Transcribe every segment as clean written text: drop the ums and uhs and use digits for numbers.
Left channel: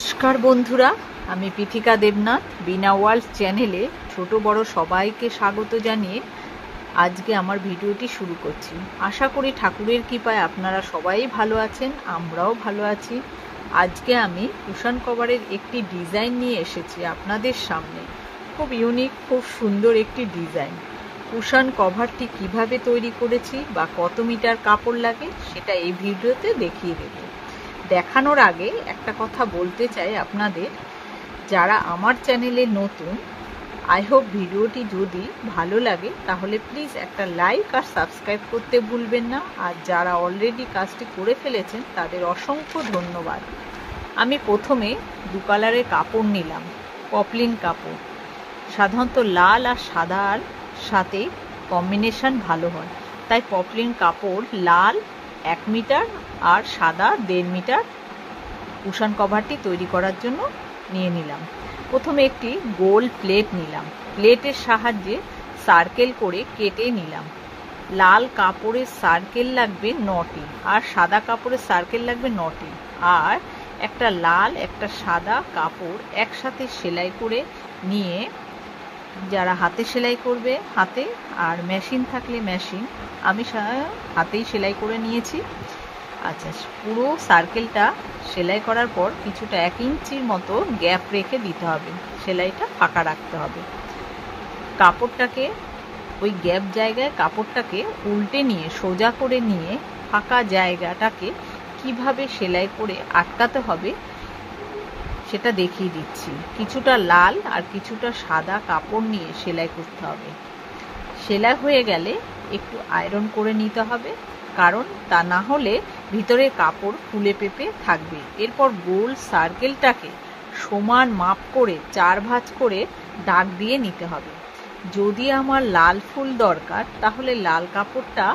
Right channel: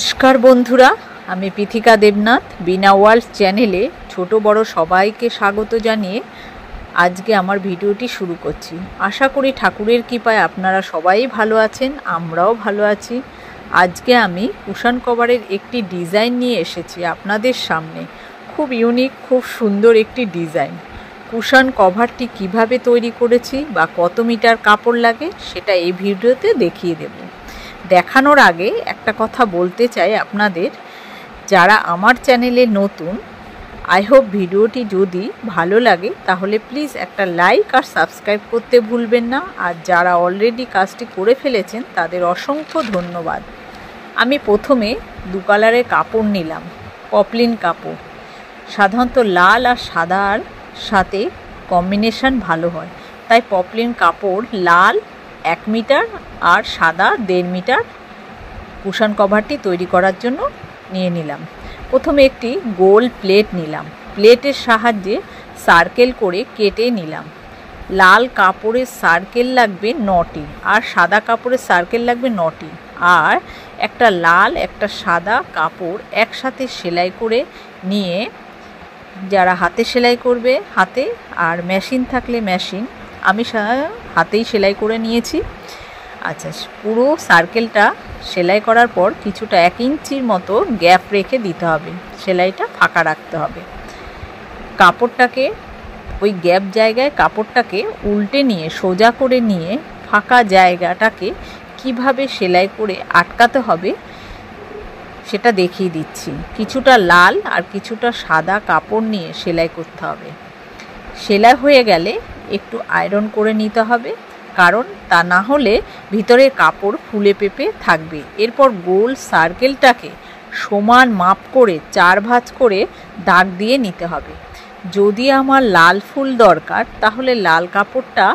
नमस्कार बंधुरा आमी पीथिका देवनाथ बीना वर्ल्ड चैनेले छोटो बड़ो सबाइके स्वागत जानिए आज के आमार भिडियोटी शुरू करछि। आशा करी ठाकुरेर कृपाय आपनारा सबाई भालो आछेन, आमराओ भालो आछि। आज के आमी कुशन कभारेर एकटी डिजाइन निये एसेछि आपनादेर सामने। खूब यूनिक खूब सुंदर एकटी डिजाइन। कुशन कभारटी किभाबे तैरी करेछि बा कत मिटार कापड़ लागे सेटा एई भिडियोते देखिए देब। देखानोर आगे एक कथा बोलते चाই আপনাদের যারা আমার চ্যানেলে নতুন, আই হোপ ভিডিওটি যদি ভালো লাগে তাহলে প্লিজ একটা লাইক আর সাবস্ক্রাইব করতে ভুলবেন না। আর যারা অলরেডি কাজটি করে ফেলেছেন তাদের অসংখ্য ধন্যবাদ। আমি প্রথমে দু কালারের কাপড় নিলাম, পপলিন কাপড়। সাধারণত লাল আর সাদার সাথে কম্বিনেশন ভালো হয়, তাই পপলিন কাপড় লাল 1 মিটার আর সাদা 1.5 মিটার কুশন কভারটি তৈরি করার জন্য নিয়ে নিলাম। প্রথমে একটি গোল প্লেট নিলাম, প্লেটের সাহায্যে সার্কেল করে কেটে নিলাম। লাল কাপড়ের সার্কেল লাগবে 9টি আর সাদা কাপড়ের সার্কেল লাগবে 9টি। আর একটা লাল একটা সাদা কাপড় একসাথে সেলাই করে নিয়ে, যারা হাতে সেলাই করবে হাতে, আর মেশিন থাকলে মেশিন, আমি হাতেই সেলাই করে নিয়েছি। আচ্ছা, পুরো সার্কেলটা সেলাই করার পর কিছুটা 1 ইঞ্চির মতো গ্যাপ রেখে দিতে হবে, সেলাইটা ফাঁকা রাখতে হবে। কাপড়টাকে ওই গ্যাপ জায়গায় কাপড়টাকে উল্টে নিয়ে সোজা করে নিয়ে ফাঁকা জায়গাটাকে কিভাবে সেলাই করে আটকাতে হবে সেটা দেখিয়ে দিচ্ছি। কিছুটা লাল আর কিছুটা সাদা কাপড় নিয়ে সেলাই করতে হবে। সেলাই হয়ে গেলে একটু আয়রন করে নিতে হবে, কারণ তা না হলে ভিতরের কাপড় ফুলে পেপে থাকবে। এরপর গোল সার্কেলটাকে সমান মাপ করে 4 ভাঁজ করে দাগ দিয়ে নিতে হবে। যদি আমার লাল ফুল দরকার তাহলে লাল কাপড়টা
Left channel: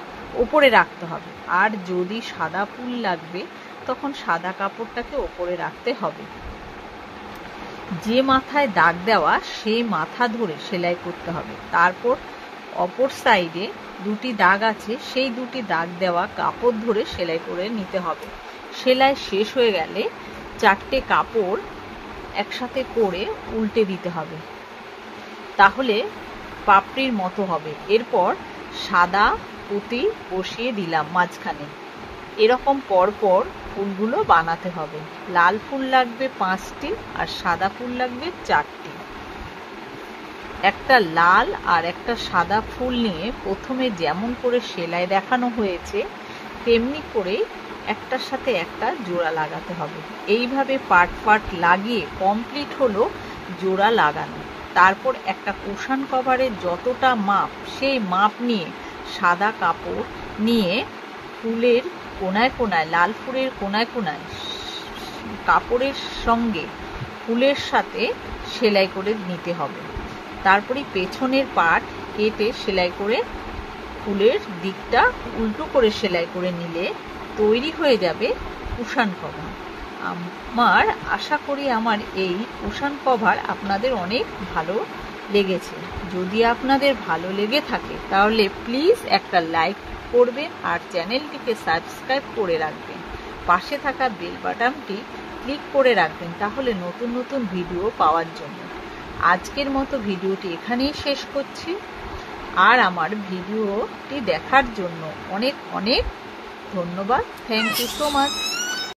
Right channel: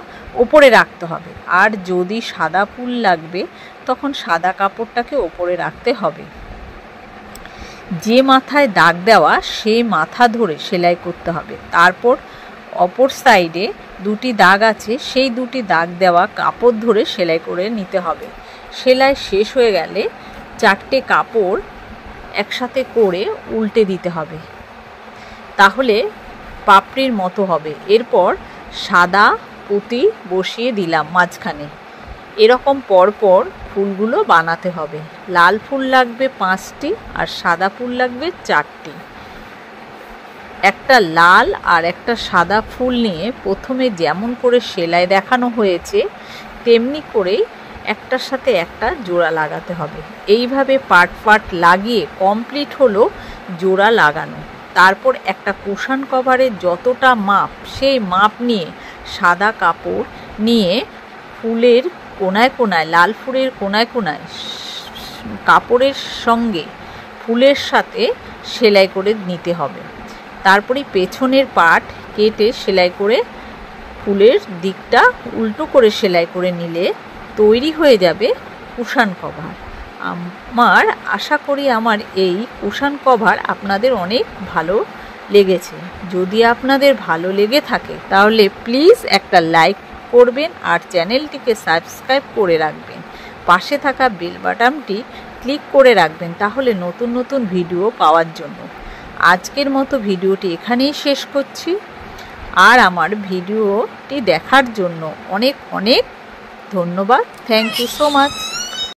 ওপরে রাখতে হবে, আর যদি সাদা ফুল লাগবে তখন সাদা কাপড়টাকে ওপরে রাখতে হবে। যে মাথায় দাগ দেওয়া সেই মাথা ধরে সেলাই করতে হবে। তারপর অপর সাইডে 2টি দাগ আছে, সেই 2টি দাগ দেওয়া কাপড় ধরে সেলাই করে নিতে হবে। সেলাই শেষ হয়ে গেলে 4টে কাপড় একসাথে করে উল্টে দিতে হবে, তাহলে পাপড়ির মতো হবে। এরপর সাদা পুঁতি বসিয়ে দিলাম মাঝখানে। এরকম পরপর ফুলগুলো বানাতে হবে। লাল ফুল লাগবে 5টি আর সাদা ফুল লাগবে 4টি। একটা লাল আর একটা সাদা ফুল নিয়ে প্রথমে যেমন করে সেলাই দেখানো হয়েছে তেমনি করেই একটার সাথে একটা জোড়া লাগাতে হবে। এইভাবে পার্ট লাগিয়ে কমপ্লিট হলো জোড়া লাগানো। তারপর একটা কুশন কভারের যতটা মাপ সেই মাপ নিয়ে সাদা কাপড় নিয়ে ফুলের কোনায় কোনায়, লাল ফুলের কোনায় কোনায় কাপড়ের সঙ্গে ফুলের সাথে সেলাই করে নিতে হবে। তারপরে পেছনের পার্ট কেটে সেলাই করে ফুলের দিকটা উল্টো করে সেলাই করে নিলে তৈরি হয়ে যাবে কুশন কভার। আমার আশা করি আমার এই কুশন কভার আপনাদের অনেক ভালো লেগেছে। যদি আপনাদের ভালো লেগে থাকে তাহলে প্লিজ একটা লাইক করবেন আর চ্যানেলটিকে সাবস্ক্রাইব করে রাখবেন। পাশে থাকা বেল বাটনটি ক্লিক করে রাখবেন, তাহলে নতুন নতুন ভিডিও পাওয়ার জন্য। আজকের মতো ভিডিওটি এখানেই শেষ করছি। আর আমার ভিডিওটি দেখার জন্য অনেক অনেক ধন্যবাদ। Thank you so much.